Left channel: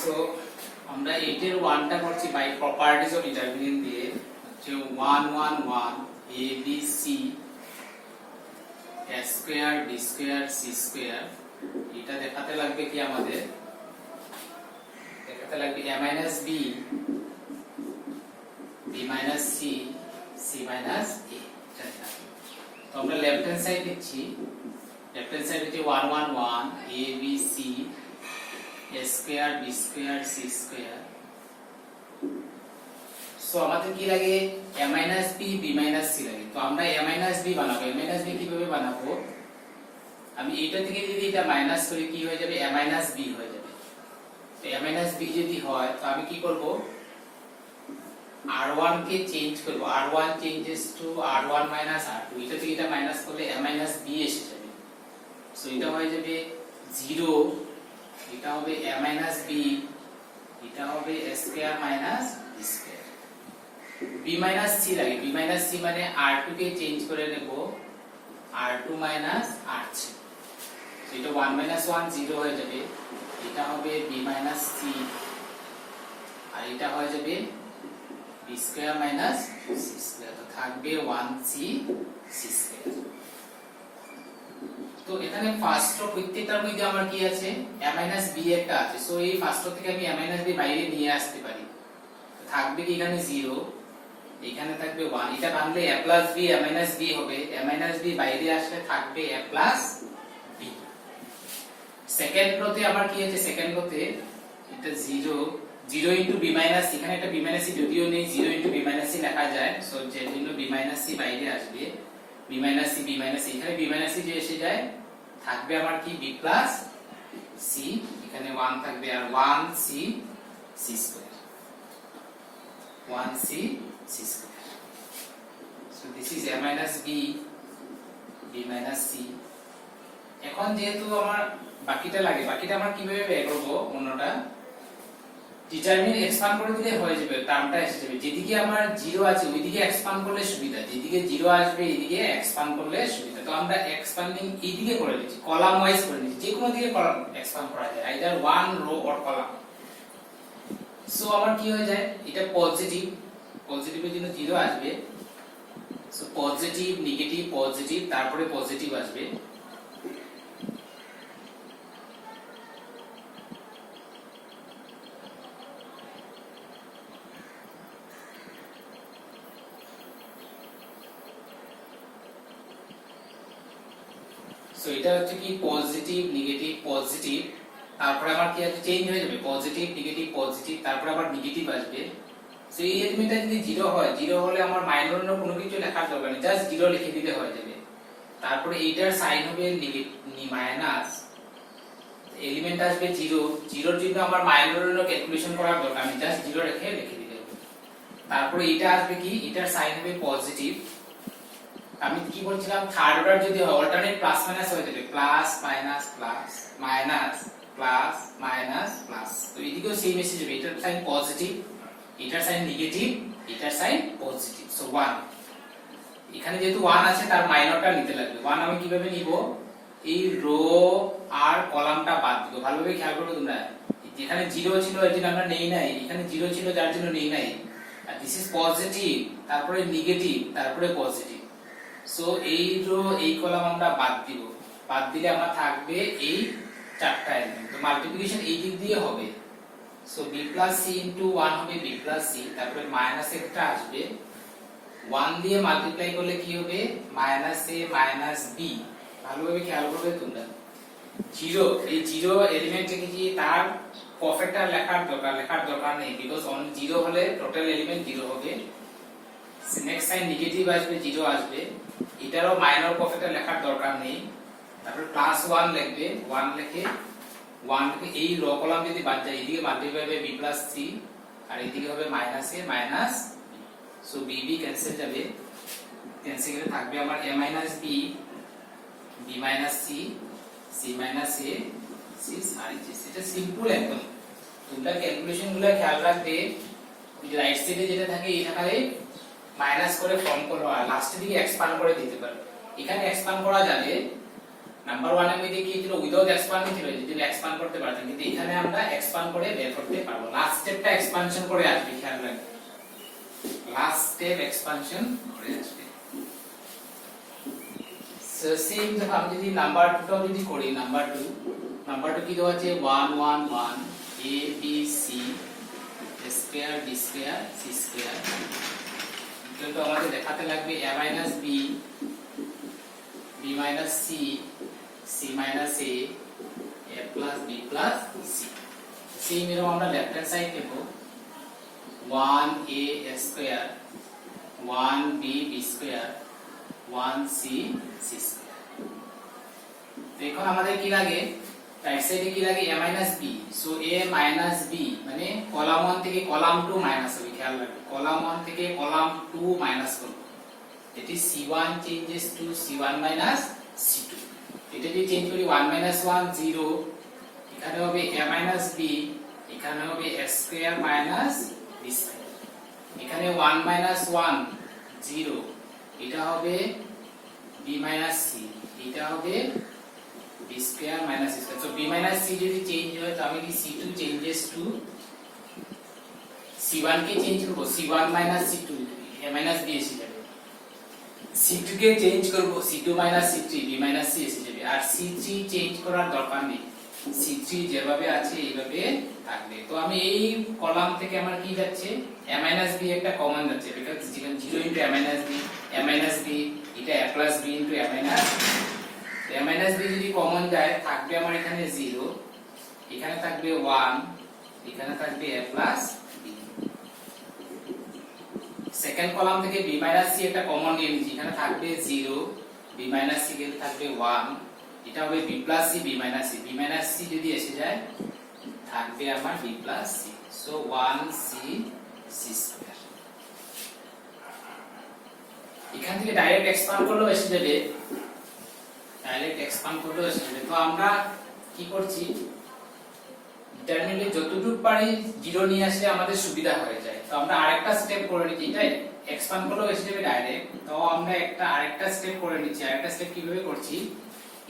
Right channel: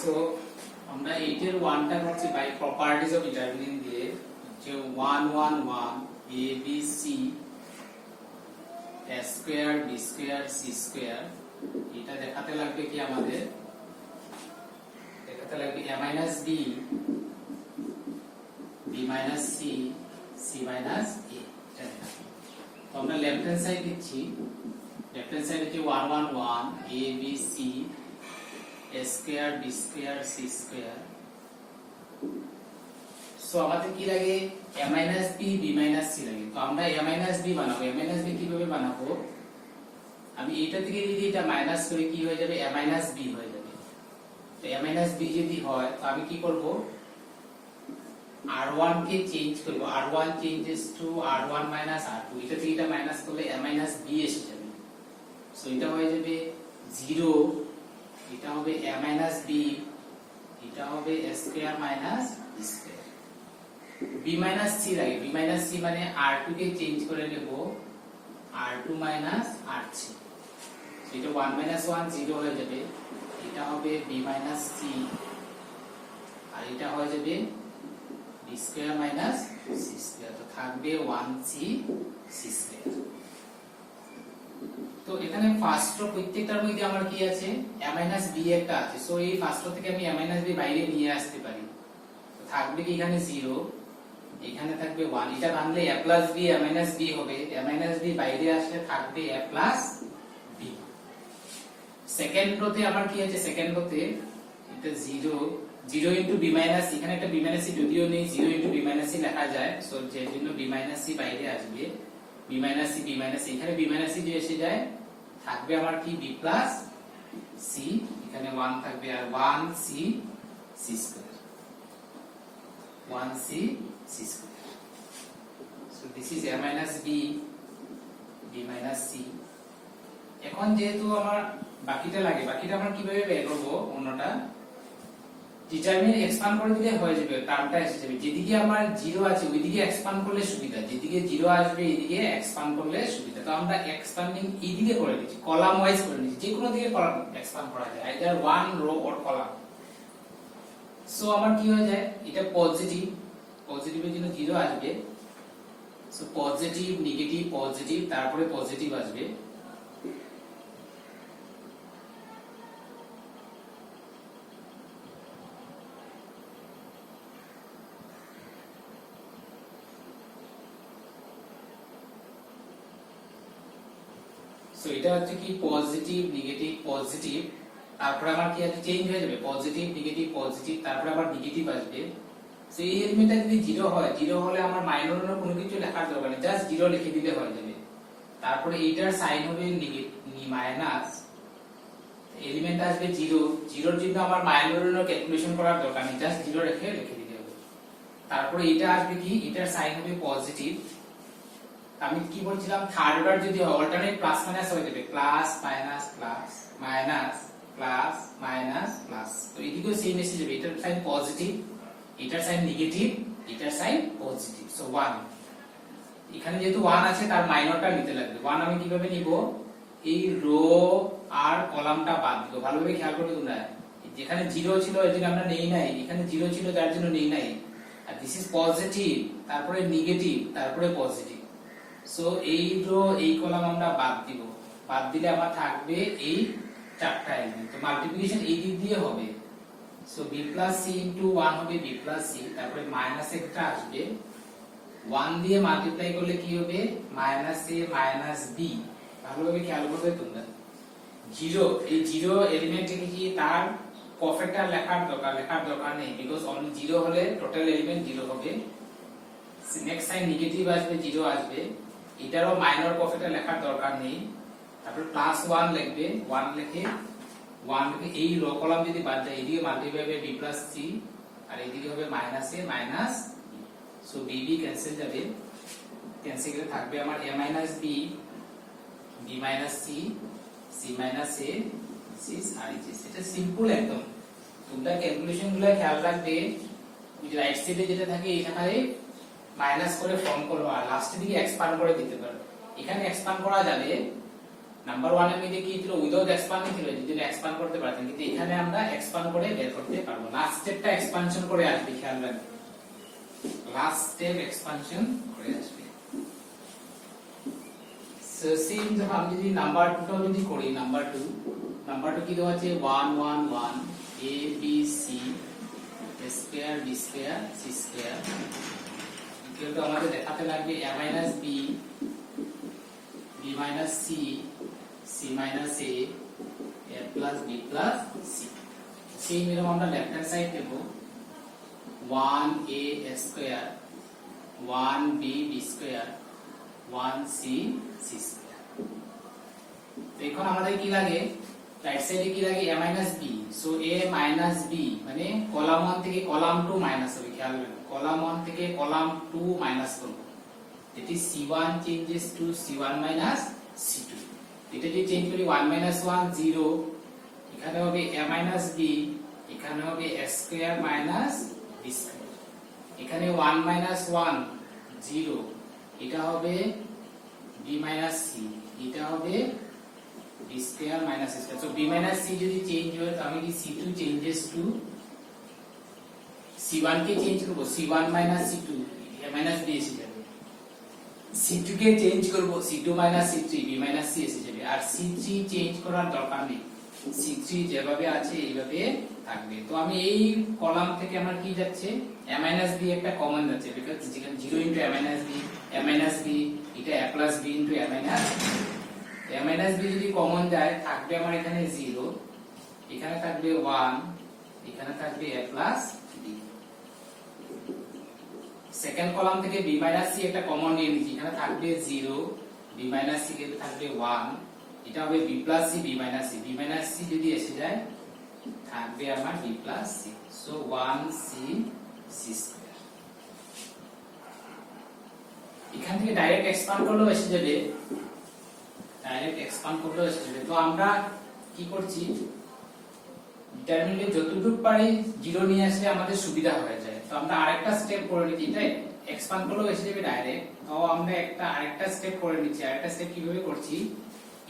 So আমরা 8 এর 1টা করছি বাই প্রপার্টিজ অফ ডিটারমিনেন্ট দিয়ে, যে 1 1 1 a b c a square b square c square, এটা দেখাতে লাগবে কি আমাদের, দেখাতে লাগবে a minus b b minus c c minus a। তো আমরা লেফট হ্যান্ড সাইড দিচ্ছি, লেফট হ্যান্ড সাইড হচ্ছে 1 1 1 a b c a square b square c square. So আমাদের কি লাগে, a minus b b minus c লাগে। তো আমরা a মাইনাস b বানাবো। a মাইনাস b কিভাবে বানাবো, আমি এইটা থেকে যদি এটা মাইনাস করি কি হয়ে যাবে, a মাইনাস b হয়ে যাবে। তো a মাইনাস b যদি হয় তো আমি কি করব, r1 কে চেঞ্জ করব, r1 changes to r1 minus r2, এটা থেকে এটা মাইনাস করলে a মাইনাস b এসে যাবে। সো এটা হয়ে যাবে 0, এটা হবে a মাইনাস b, এটা হবে a square minus b square. b minus c লাগে, b মাইনাস c মানে r2 কে চেঞ্জ করে নেব r2 মাইনাস r3। সো এটা 1 মাইনাস 1 0 হয়ে যাবে, এটা হবে b মাইনাস c, আর এটা হয়ে যাবে b square minus c square. তো থাকবে 1c c স্কয়ার। তো এখানে ফার্স্ট রো প্রত্যেকটার মধ্যে আমার কি আছে, a মাইনাস b একটা আছে। সো এই ফার্স্ট রো থেকে আমি a মাইনাস b বাইরে নিয়ে আসতে পারি। তো থাকবে কি এখানে 0, এখানে থাকবে 1, এটা বানলে a plus b a minus b হবে, a মাইনাস b বাইরে আসলে থাকবে a প্লাস b। সেকেন্ড রোতে আমার কি আছে, সেকেন্ড রোতে এটা 0 0 ইনটু b মাইনাস, এখানে একটা b মাইনাস c যদিও নেই, 0 ইনটু b মাইনাস c লেখা যায়। সো যে জন্য b মাইনাস c বাইরে আসবে, b minus c b minus, এখানে b মাইনাস c যে এসে যায় থাকবে আমার কি b প্লাস c, এখানে 1 থাকবে আর 1c c square, 1c c square. So this is a minus b b minus c। এখন যেহেতু আমার বাকিটা লাগে, বাকিটা আমরা কিভাবে বের করব, অন্যটা ডিটারমিনেন্ট এক্সপান্ড করে দিলে হয়ে যাবে, টার্মটা এসে যাবে। যেদিকে আমার 0 আছে ওইদিকে এক্সপান্ড করলে সুবিধা, যেদিকে 0 আসবে এইদিকে এক্সপান্ড করলে সুবিধা। তো আমরা এক্সপান্ডিং এইদিকে করে দিচ্ছি, কলাম ওয়াইজ করে দিচ্ছি, যে কোনো দিকে কলাম এক্সপান্ড করা যায়, either one row or column. So আমার কি হয়ে যায়, এটা পজিটিভ, পজিটিভের জন্য 0 আসবে। সো পজিটিভ নেগেটিভ পজিটিভ, তারপরে পজিটিভ আসবে। সো এটা হচ্ছে কি পজিটিভ নেগেটিভ পজিটিভ, তারপরে আমার কি আছে, চেঞ্জ হয়ে যাবে, পজিটিভ নেগেটিভ পজিটিভ, তারপরে আবার নেগেটিভ আসবে। সো এই এলিমেন্টটা যদি 0 হয়, 0 হলে আমার মাইনর না কোনো কিছু লেখার দরকার নেই, জাস্ট 0 লিখে দিলে হয়ে যাবে। তারপরে এইটার সাইন হবে মাইনাস, এলিমেন্ট আসবে 0, 0 এর জন্য আমার মাইনর না ক্যালকুলেশন করার দরকার নেই, জাস্ট 0 লিখে দিলে হবে। তারপরে এটা আসবে কি, এটার সাইন হবে পজিটিভ। আমি কি বলছিলাম, থার্ড অর্ডার যদি হয় অল্টারনেট প্লাস মাইনাস হয়ে যাবে, plus minus plus minus plus minus plus. তো এদিকেও সেম মেসেজ হবে, এটার সাইন পজিটিভ, এটার সাইন নেগেটিভ, এটার সাইন পজিটিভ। সো 1, এখানে যেহেতু 1 আছে তার মাইনরটা নিতে লাগবে। 1 আমি কিভাবে নিব, এই রো আর কলামটা বাদ দিব, ভালোভাবে খেয়াল করো তোমরা। যেখানে 0 ছিল এর জন্য আমরা নেই নাই, এখানে 0 ছিল যার জন্য নেই নাই। আর দিস ইজ পজিটিভ, তারপরে নেগেটিভ, তারপরে পজিটিভ। সো এই রো এই কলাম আমরা বাদ দিব, বাদ দিলে আমার থাকবে এই চারটা এলিমেন্ট। তো মাল্টিপ্লিকেশন এই দিক দিয়ে হবে। So b plus c into 1 হবে b প্লাস c, তারপরে মাইনাস একটা আসবে, 1 দিয়ে মাল্টিপ্লাই করলে কি হবে, মাইনাস a মাইনাস b। ভালোভাবে খেয়াল করবে তোমরা, 0 এই 0 এলিমেন্টে কি তার প্রফেক্টর লেখার দরকার নেই, বিকজ অনলি 0 হলে টোটাল এলিমেন্ট 0 হবে। নেক্সট সাইন নেগেটিভ আসবে, 0 আসবে, এটারও মাইনর প্রফেক্টর লেখার দরকার নেই। তারপর প্লাস 1 লিখবে, 1 লিখে এই রো কলাম যদি বাদ যায়, এদিকে multiply by b plus c, আর এদিকে হবে minus a minus. So b b cancel যাবে, ক্যান্সেল করে থাকবে আমার a minus b b minus c c minus a c আর এটা সিম্পল একদম। তোমরা ক্যালকুলেশন গুলো খেয়াল রাখবে, রাইট সাইডে যেটা থাকে এখানে মাইনাস করে ফর্ম করো, আর লাস্টের দিকে এক্সপান্ড করে দিতে পারো। এখানে এক্সপান্ড করা যাবে, নাম্বার 1 এর মধ্যে কি ছিল উইদাউট এক্সপান্ড ছিল, যদি এক্সপান্ড করতে পারতাম, কিন্তু এখানে আমরা এক্সপান্ড করে বের করতে পারবো। লাস্ট স্টেপটা এক্সপানশন করে আসবে, খেয়াল রাখবেন লাস্ট স্টেপ এক্সপানশন করে আসবে। সো সেম যখন আমি যদি নাম্বার 2 টাও যদি করি, নাম্বার 2 কি দেওয়া আছে 1 1 1 a b c square b square c square, কিন্তু আমাদের দেখাতে লাগবে a minus b b minus c c minus a a plus b plus c। Same এরকম আমরা লেফট হ্যান্ড সাইড নেব 1a square 1b b square 1c c square. তো এখন আমাদের কি লাগে, রাইট সাইডে কি লাগে a minus b, so a minus b মানে কলাম 1 থেকে কলাম 2 মাইনাস হবে, খেয়াল রাখবেন কলাম 1 থেকে কলাম 2 মাইনাস করব, এটি c1 changes to c1 minus c2। এটা যদি চেঞ্জ করি 1 মাইনাস 1 0, এখানে হবে a মাইনাস b, এখানে হবে a square minus b square, এখানে 1 মাইনাস 1 0, এটা হবে b মাইনাস c, এটা হবে b square minus c square. So b minus c যদি চেঞ্জ হয় তাহলে কি c2 changes to c1 K change করব c1 minus c2, a minus b এসে যাবে, c2 কে চেঞ্জ করব c2 minus c3, b minus c এসে যাবে, আর c3 চেঞ্জ করার দরকার নেই, c3 যেভাবে আছে এইভাবে থাকবে। তো আমি এই কলাম থেকে আমার কি যাচ্ছে a মাইনাস b একটা কমন যাচ্ছে, বিকজ যেখানে 0 ইনটু a মাইনাস b এটা a plus b into a minus a minus b যদি কমন যায় থাকবে আমার এখানে 0, এখানে থাকবে 1, এখানে থাকবে a plus b। Second column থেকে b মাইনাস c একটা কমন নিয়ে নিচ্ছি, এখানে থাকবে 0, b মাইনাস c কে থাকবে 1, এটা হবে b plus c b minus c যদি এসে যায় থাকবে আমার b plus c, so 1c c square. এখান থেকে ডাইরেক্ট এক্সপান্ড করলেও এসে যাবে, তো আমরা কি করছি ডিটারমিনেন্টে যতটুকু পারি 0 নিয়ে আসলে আমাদের সুবিধা হয়ে যায়। তো আমরা আরেকটা স্টেপ করে নিচ্ছি, এটা এক্সপান্ড করলেও এসে যাবে ডাইরেক্ট, তো আমরা আরেকটা স্টেপ করে নিচ্ছি। আরেকটা স্টেপ কিভাবে করছি,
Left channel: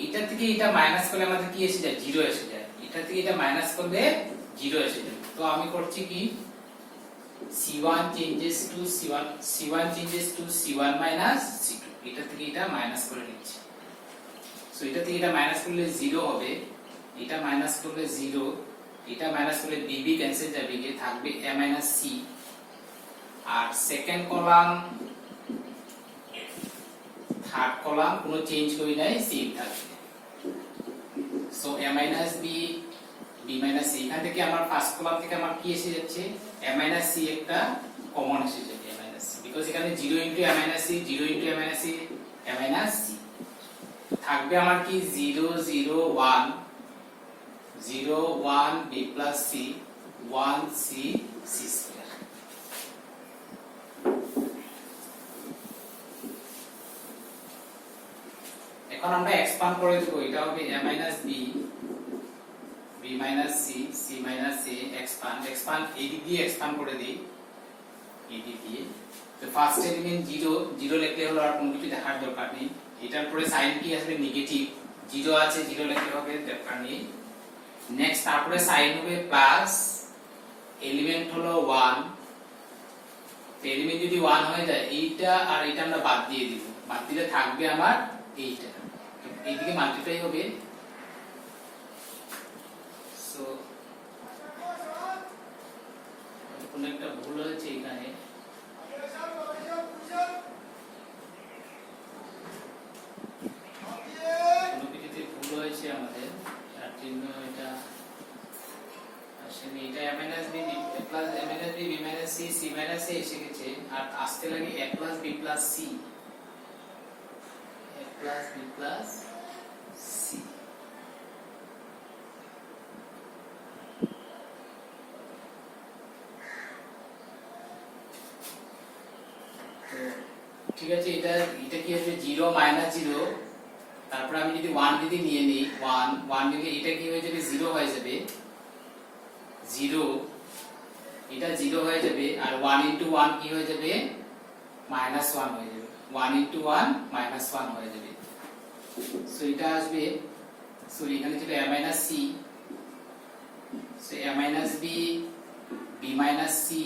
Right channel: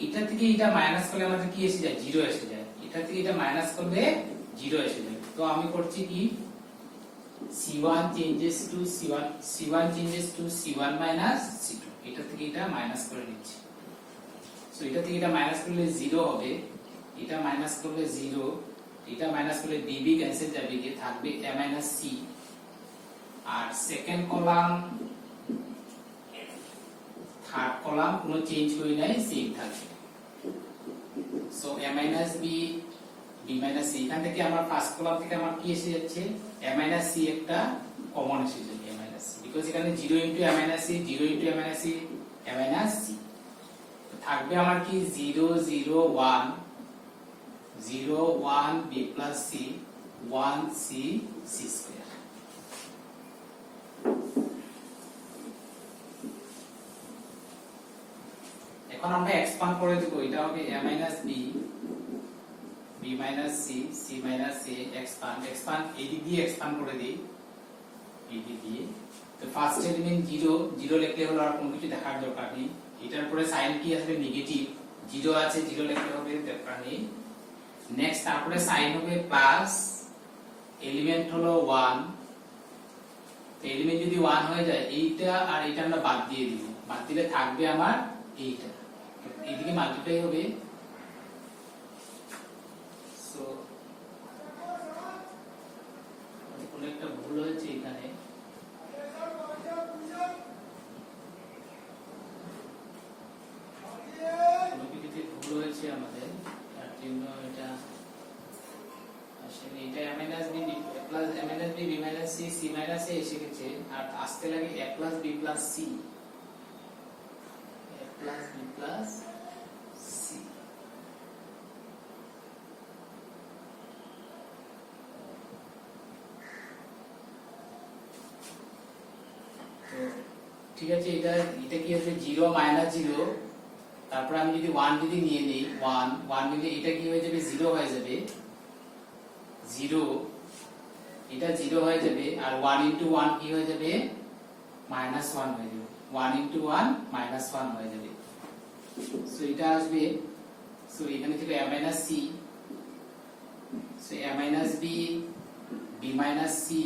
এটা থেকে এটা মাইনাস করলে আমাদের কি এসে যায় 0 এসে যায়, এটা থেকে এটা মাইনাস করলে 0 এসে যায়। তো আমি করছি কি c1 changes to c1 minus c2, এটা থেকে এটা মাইনাস করে নিচ্ছি। সো এটা থেকে এটা মাইনাস করলে 0 হবে, এটা মাইনাস করলে 0, এটা মাইনাস করলে bb ক্যান্সেল যাবে, গিয়ে থাকবে a মাইনাস c, আর সেকেন্ড কলাম থার্ড কলাম কোনো চেঞ্জ করি নাই, সেম থাকবে। So a minus b b minus c, এখান থেকে আমার ফার্স্ট কলাম থেকে আমার কি এসে যাচ্ছে a মাইনাস c একটা কমন এসে যাবে, a মাইনাস c, বিকজ এখানে 0 into a minus c, 0 into a minus c, a minus c থাকবে আমার কি 0 0 1 0 1 b plus c 1 c c square. এখন আমরা এক্সপান্ড করে দেব, এটা হবে a minus b b minus c c minus a, expand এদিক দিয়ে এক্সপান্ড করে দেই, এদিক দিয়ে। তো ফার্স্ট এলিমেন্ট 0 0 লিখলে হলো, আর কোনো কিছু দেখার দরকার নেই। এটার পরে সাইন কি আসবে নেগেটিভ, 0 আছে 0 লিখলে হবে, দরকার নেই। নেক্সট তারপরে সাইন হবে প্লাস, এলিমেন্ট হলো 1, এলিমেন্ট যদি 1 হয়ে যায় এইটা আর এইটা আমরা বাদ দিয়ে দিব, বাদ দিলে থাকবে আমার এইটা, এইদিকে মাল্টিপ্লাই হবে। সো কোন একটা ভুল হয়েছে এখানে, কোনো কিছুতে ভুল হয়েছে আমাদের, তার জন্য এটা আসলে এটা a minus b plus a minus b b minus c c minus a এসে গেছে, আর আসতে লাগে a plus b plus c, a plus b plus c। ঠিক আছে, এটা কি হবে 0 মাইনাস 0, তারপর আমি যদি 1 যদি নিয়ে নেই 1 নিলে এটা কি হয়ে যাবে 0 হয়ে যাবে, 0 এটা 0 হয়ে যাবে, আর 1 ইনটু 1 কি হয়ে যাবে -1 হয়ে যাবে, 1 ইনটু 1 -1 হয়ে যাবে। সো সো এটা আসবে, সো এখানে ছিল a minus c, so a minus b, b minus c,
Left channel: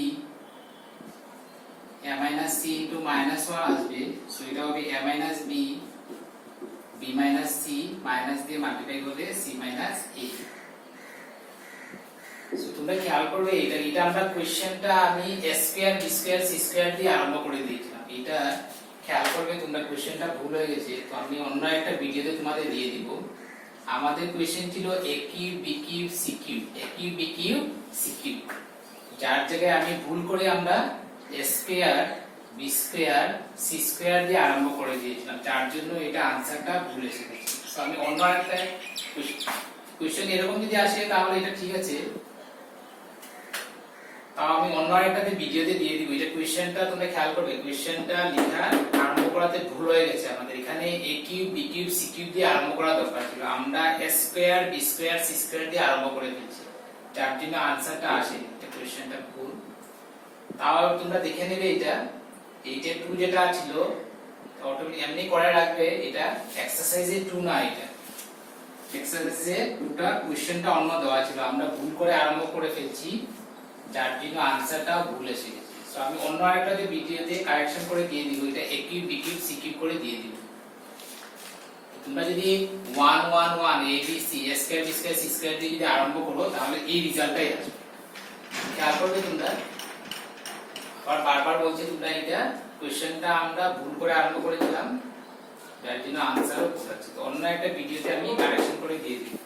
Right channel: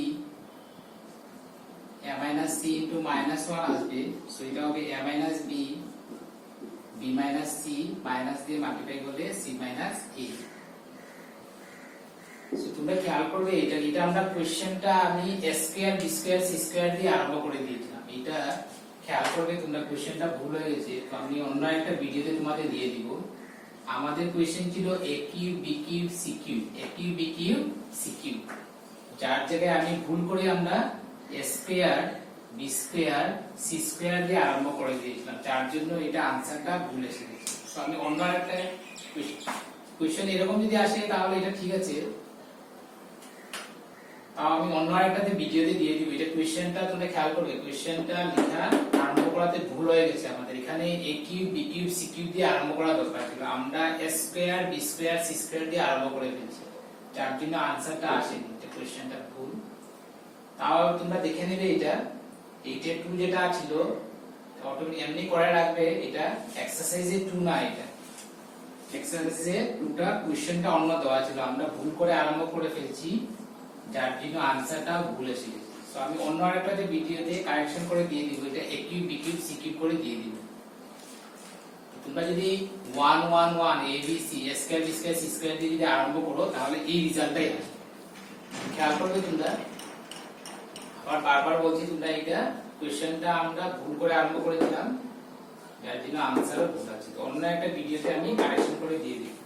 a minus c into minus 1 আসবে, সো এটা হবে a minus b, b minus c, minus দিয়ে মাল্টিপ্লাই করলে c মাইনাস a। সো তোমরা খেয়াল করবে এটা আমরা কোশ্চেনটা আমি a square b square c square দিয়ে আরম্ভ করে দিয়েছিলাম। এটা খেয়াল করবে তোমরা, কোশ্চেনটা ভুল হয়ে গেছে, তো আমি অন্য একটা ভিডিওতে তোমাদের দিয়ে দিব। আমাদের কোশ্চেন ছিল a cube b cube c cube, a cube b cube c cube, যার জায়গায় আমি ভুল করে আমরা a square b square c square দিয়ে আরম্ভ করে দিয়েছিলাম, যার জন্য এটা আনসারটা ভুল এসে গেছে। সো আমি অন্য একটা কোশ্চেন এরকম যদি আসে তাহলে এটা ঠিক আছে, আমি অন্য আরেকটাতে ভিডিওতে দিয়ে দিব। এটা কোশ্চেনটা তোমরা খেয়াল করবে, কোশ্চেনটা লেখা আরম্ভ করাতে ভুল হয়ে গেছে আমাদের। এখানে a cube b cube c cube দিয়ে আরম্ভ করা দরকার ছিল, আমরা a square b square c square দিয়ে আরম্ভ করে দিয়েছি, যার জন্য আনসারটা আসেনি। এটা কোশ্চেনটা ভুল। তাও তোমরা দেখে নেবে, এইটা 2 যেটা ছিল অটোমেটিক এমনি করে রাখবে, এটা এক্সারসাইজে 2 না, এটা এক্সারসাইজে 2টা কোশ্চেনটা অন্য দেওয়া ছিল, আমরা ভুল করে আরম্ভ করে ফেলছি, যার জন্য আনসারটাও ভুল এসে গেছে। সো আমি অন্য আরেকটাতে ভিডিওতে কারেকশন করে দিয়ে দিব, এটা a cube b cube c cube করে দিয়ে দিব। তোমরা যদি 1 1 1 a b c a square b square c square দিয়ে যদি আরম্ভ করো তাহলে এই রেজাল্টটাই আসবে। খেয়াল করবে তোমরা, আর বারবার বলছি তোমরা, এটা কোশ্চেনটা আমরা ভুল করে আরম্ভ করেছিলাম, যার জন্য আনসারও ভুল আছে। অন্য একটা ভিডিওতে আমি কারেকশন করে দিয়ে দিব।